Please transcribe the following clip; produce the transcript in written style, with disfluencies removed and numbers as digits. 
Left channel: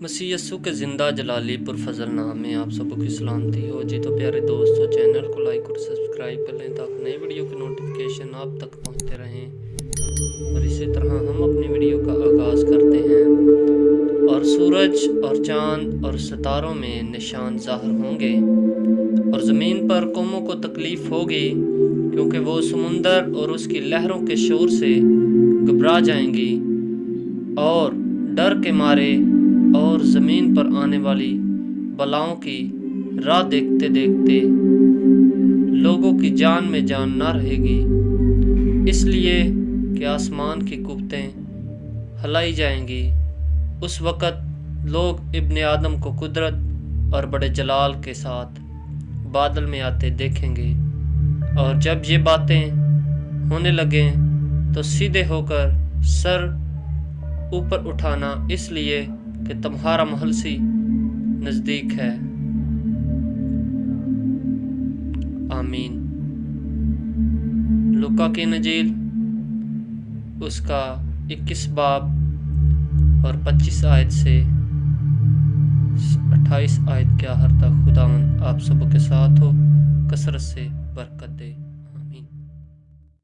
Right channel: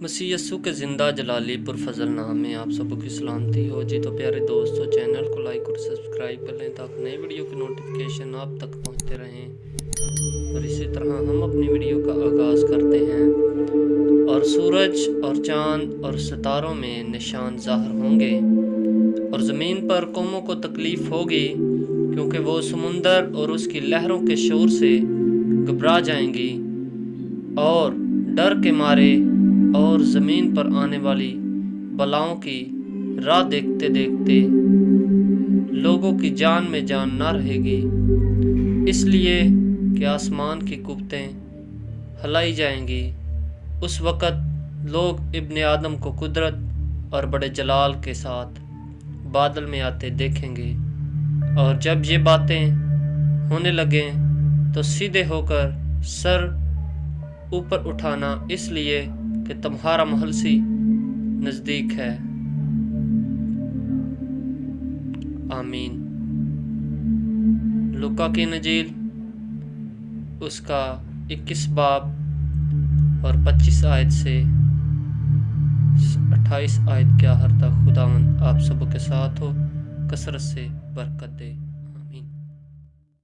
مسیح یسوع کے زندہ جلالی پرفضل نام میں آپ سب کی سلامتی ہو جی۔ تو پیارے دوستو، چینل کو لائک اور سبسکرائب کر لیں تاکہ نئی ویڈیو کی نوٹیفیکیشن آپ تک پہنچتے رہیں، اور اسی طرح ہم اپنی ویڈیو کا آغاز کرتے ہیں۔ اور سورج اور چاند اور ستاروں میں نشان ظاہر ہوں گے، اور زمین پر قوموں کو تکلیف ہوگی، کیونکہ وہ سمندر اور اس کی لہروں کے شور سے گھبرا جائیں گی اور ڈر کے مارے، اور زمین پر آنے والی بلاؤں کی راہ دیکھتے دیکھتے لوگوں کی جان میں جان نہ رہے گی، اس لیے کہ آسمان کی قوتیں ہلائی جائیں گی۔ اس وقت لوگ ابن آدم کو قدرت اور بڑے جلال کے ساتھ بادل میں آتے دیکھیں گے، اور جب یہ باتیں ہونے لگیں تو سیدھے ہو کر سر اوپر اٹھانا، اس لیے کہ تمہارا مہلسی نزدیک ہے۔ آمین۔ لوکا کی انجیل اس کا 21 باب اور 25 آیت سے 28 آیت کے آخر تک خداوند آپ سب کے ساتھ ہو، کثرت سے برکت دے۔